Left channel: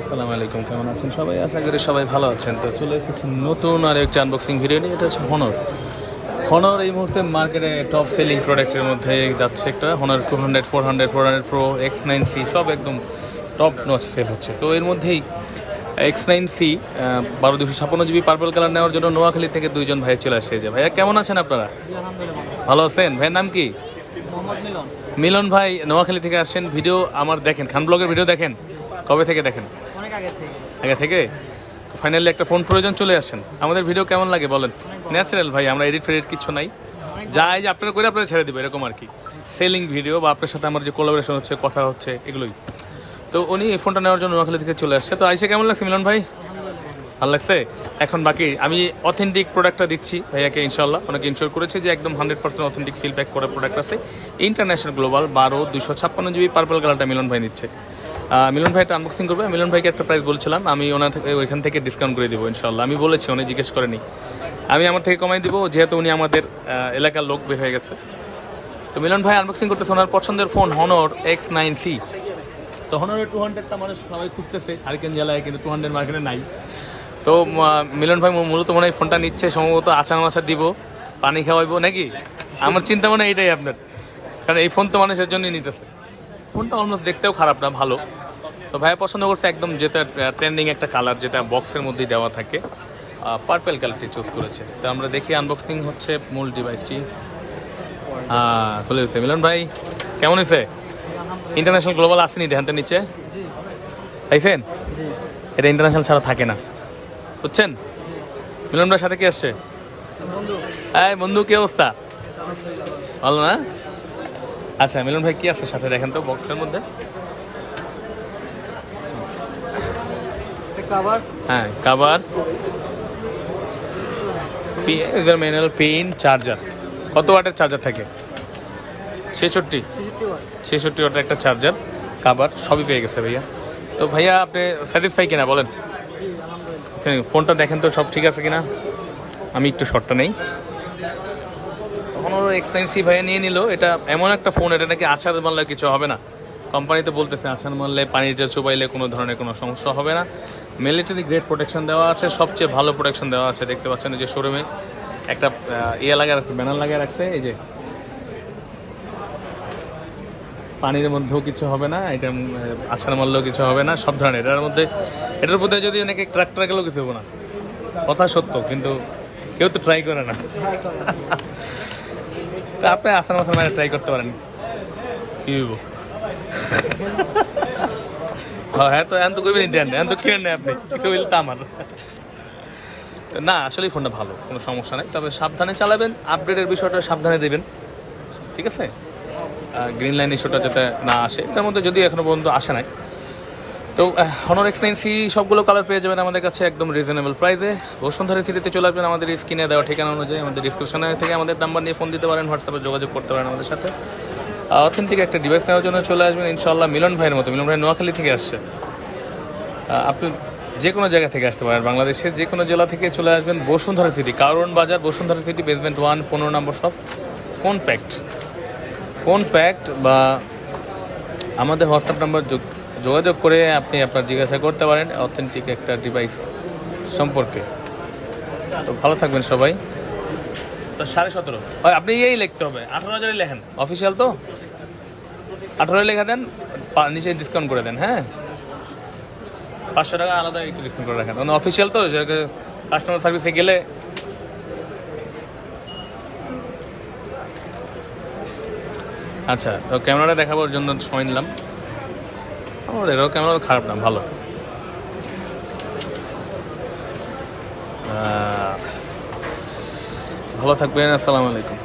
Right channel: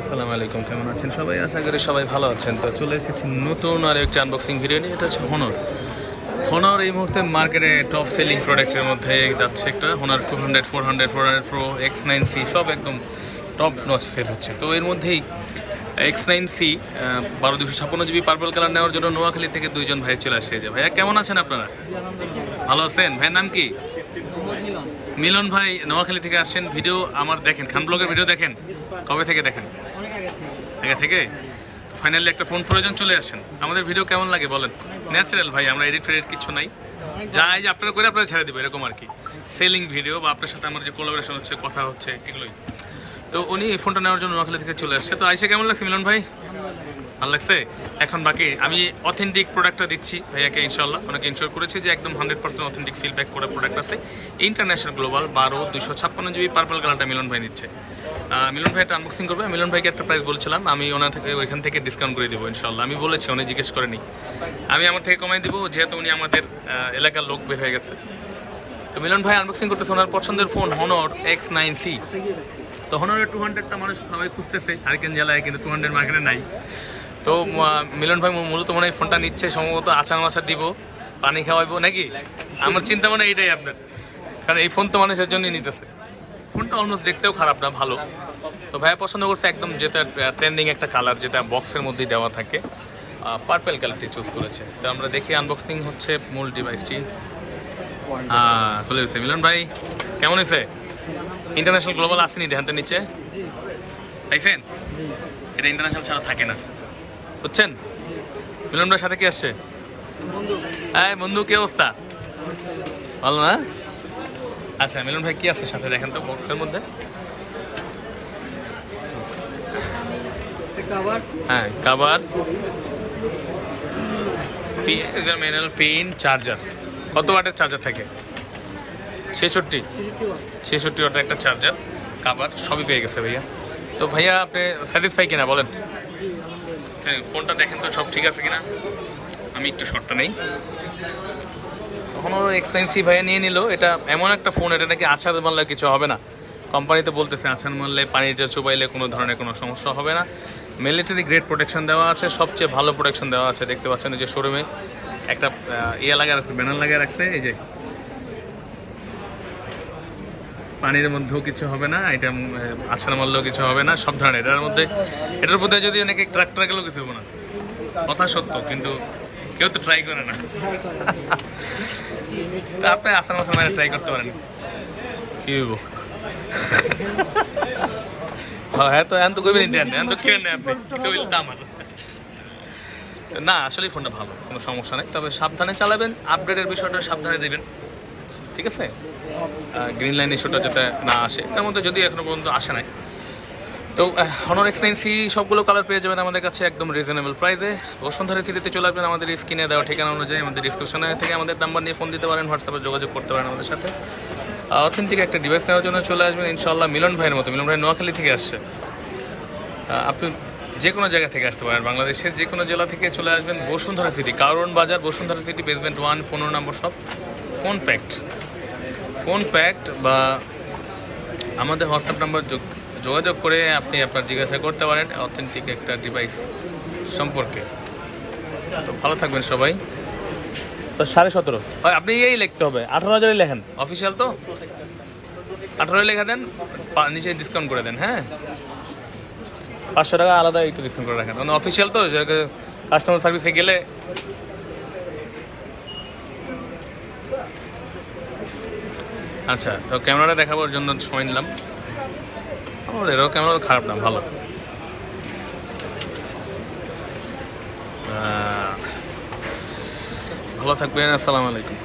আসসালামু আলাইকুম, কেমন আছেন সবাই? আশা করি সবাই ভালো আছেন। তো চলে এসেছি নতুন আর একটা আনবক্সিং ভিডিও নিয়ে, এটা হচ্ছে হনর হনর এই মুহূর্তে মার্কেটে টপ সেলিং প্রোডাক্টের মধ্যে যাচ্ছে একটা। Honor two hundred four hundred four hundred pro X nine C সব একদম টপ নচ সেল হচ্ছে। তো এর মধ্যেই এক্স নাইন সি বারো দুশো ছাপ্পান্ন জিবি পার্পল কালার নেওয়ার জন্য নোয়াখালী থেকে দুইজন ভাই চলে আসছে। যে ভাইয়া, কেমন আছেন আপনারা? ভালো আছেন? ভাইয়ের নাম কি? মিলন? ভাই নোয়াখালী থেকে আসছেন। ভিডিও আমার দেখেন। খান ব্লগের ভিডিও দেখেন? কবে থেকে দেখেন? আগে থেকে। ফাইনালি একটা ফোন প্রয়োজন চলে আসেন। আমাদের ভিডিও কেমন লাগে বলেন? ন্যাচারাল ভাই আমরা এডিট ফেডিট কিছু নাই। যা এই যে আপনারা করে আপনারা ছেড়ে দেবে এরকম আর কি। সেলিং ভিডিও বা আপনার সাথে আমার যে কোলাবোরেশন হচ্ছে কথা হচ্ছে এগুলোই। তো উনি এই ফোনটা নেওয়ার জন্য নোয়াখালী থেকে চলে আসছে। তো আইসে কেমন লাগছে মিলন ভাই? ভালো লাগছে? এখন বাকি, আমি অথেন্টিক প্রোডাক্টটা দিচ্ছি ভাইয়াকে ইনশাল্লাহ অনেকে ইনশোর করেছে যে একদম hundred percent authentic seal pack করা প্রোডাক্ট আছে। ইন্টারন্যাশনাল গ্লোবাল বারো দুশো ছাপ্পান্ন জিবি পার্পল কালারটা মিলন ভাই নিচ্ছে। মিলন ভাই এটা আনবক্সিং করবে। মিলন ভাইকে একটা প্রাইস বলছিলাম, আমি ওনার থেকে, ওইখান থেকে ডিসকাউন্ট করে দেবো ইনশাল্লাহ আমি বলেছি, উনি জিজ্ঞেস করেনি। আমি আমার থেকে কমাই দিব, যেহেতু উনি আমাদের এলাকার লোক বের হয়ে গেছে। তো মিলন ভাই আনবক্সিং করতেছে, ওনার পছন্দের phone Honor X nine C তো হনরের টু হান্ড্রেডটা মানুষ সবাই খুঁজতেছে হারিকেন জেলায়, কিন্তু টু হান্ড্রেড মার্কেটে নাই। তো মিলন ভাই মূলত মনে হয় ফোনটা নিচ্ছে সম্ভবত আচার মাচার দিব পানি খাওয়াইবো নাকি? আমার চিন্তা মনে এইটাই আপনার। কারণ এই ফোন তো মানুষের জন্যই নিতেছে। ফোনটা অলমোস্ট দেখতেও খারাপ না ভালো। তো ভাইয়া পছন্দ করছে একদম যেটা ট্রেন্ডিং একটা কালার যেটা বক্সের মধ্যেই দেওয়া থাকে। পার্পেল কালারটি চুজ করেছে। তো আমরা দেখি আনবক্সিং হচ্ছে মূল ডিভাইসটি হ্যাঁ খুলে গেছে। মিলন ভাই কেমন হয়েছে? ইন্টারন্যাশনাল গ্লোবাল আসেনি দেখেন তো নিচে? জি। পাইছেন? এটা ইন্টারন্যাশনাল ছাড়া থাকে না। বুঝছেন? মিলন ভাইয়ের সাথে কি আসছে হ্যাঁ বন্ধু, কি অবস্থা? ভালো না? আচ্ছা মিলন ভাই কি আছে সাথে? দেখেন তো বক্সের মধ্যে। হ্যাঁ কাভার ম্যানুয়াল পিন চার্জার কত ওয়াটের চার্জার থাকে? ছেষট্টি। ছেষট্টি ওয়াটের একটা চার্জার কাভার সবই পেয়ে গেছে ভাইয়া। তো ভাইয়া, আপনি স্যাটিসফাই কিনা বলেন? ফোনটা দেখেন তো, সব ঠিক আছে কিনা? আমি একটু শর্টটা নেই। তখন ওর এক্সপেন্সিভ ভাইয়া নিয়ে নিল। এটা এমন একটা ফোন এটা নাকি আছাড় মারলে কিছু হবে না। কোম্পানিতে বলতেছে আছাড় মারলে যে চুবাইলে কোনো ধরনের কোনো সমস্যা হবে না। মিলিটারি গ্রেড প্রোটেকশন দেওয়া আছে, সবচেয়ে ভালো প্রোটেকশন দেওয়া আছে। দেখতে পাচ্ছেন যে শোরুমে একটা ইয়ে লাগিয়ে রাখছে ব্যানার লাগিয়ে রাখছে, এই যে পানির মধ্যেও কিছু হবে না এটা আছাড় মারলেও কিছু হবে না, সব ধরনের। এটার মধ্যে এটার মধ্যে যদি অনেকে ট্রাক্টর গেলেও কিছু হবে না। কথা সত্য, কিন্তু কেউ তো ট্রাই করে না। তা আপনি আসার মাসার মানে ট্রাই করতে পারেন। কি হইব? হ্যাঁ হ্যাঁ তো এখন তো করবেন দেন এখন তো কেন আপনি। কিছু তো আমার। তো না, আসলেই ফোনটা ভালো, কোনো সমস্যা নেই। তবে সাবধানে চালাবেন আপডেটের বিষয়টা সাবধানে দেবেন। ঠিক আছে? গ্রিন লাইন ইস্যুটা যাতে না আসে তার মধ্যে যদি এখনও পর্যন্ত আসে নাই। তো হনর এক্সপেন্সি সবগুলো কালার পেয়ে যাবেন আমাদের কাছে একদম রিজনেবল প্রাইসে বসুন্ধরা সিটিতে চলে আসবেন আমাদের স্ক্রিনে দেওয়া ঠিকানা অনুযায়ী, আমাদের ডিসক্রিপশনে থেকে আমাদের নাম্বার নিয়ে ফোন দিতে পারেন হোয়াটসঅ্যাপে যোগাযোগ করতে পারেন আমাদের সাথে। অথেন্টিক একটা ডিভাইস নেওয়ার জন্য চলে আসবেন ইনশাল্লাহ মিলন ভাইয়ের মতো। মিলন ভাই নোয়াখালী থেকে আসছে। আপনি যে কোনো জায়গা থেকে আসতে পারেন, বাংলাদেশের যে কোনো জেলা থেকে চলে আসবেন বসুন্ধরা সিটি কারণ বাজার, বসুন্ধরা সিটি বেসমেন্ট ওয়ান পনেরো নম্বর সব ফোন প্যাক্ট ফোন প্যাক্ট বা আমাদের হোয়াটসঅ্যাপ নাম্বার যোগাযোগ করে আপনি আপনার জিজ্ঞাসা করতে পারেন অথেন্টিক একটা ডিভাইস সম্পর্কে। তো ভালো থাকবেন সবাই। তো সাড়ে সতেরো। আপনি এই লিখতে হবে। আঠারো হাজারই লেখেন। অফিসিয়াল তো? আঠারোই লেখা দেন নিচে ডিসকাউন্ট করে দেন হ্যাঁ? পাঁচশো টাকা আলাদা একটু ডিসকাউন্ট করে রাখেন। মানে অফিসিয়াল তো কাস্টমার সার্ভিসে গেলে আচ্ছা তো ক্যামেরাটা দেখাবার জন্য সময় নিলাম। আমার এরও ক্যামেরা খারাপ না, ভালো। ভালো থাকবেন, আসসালামু আলাইকুম।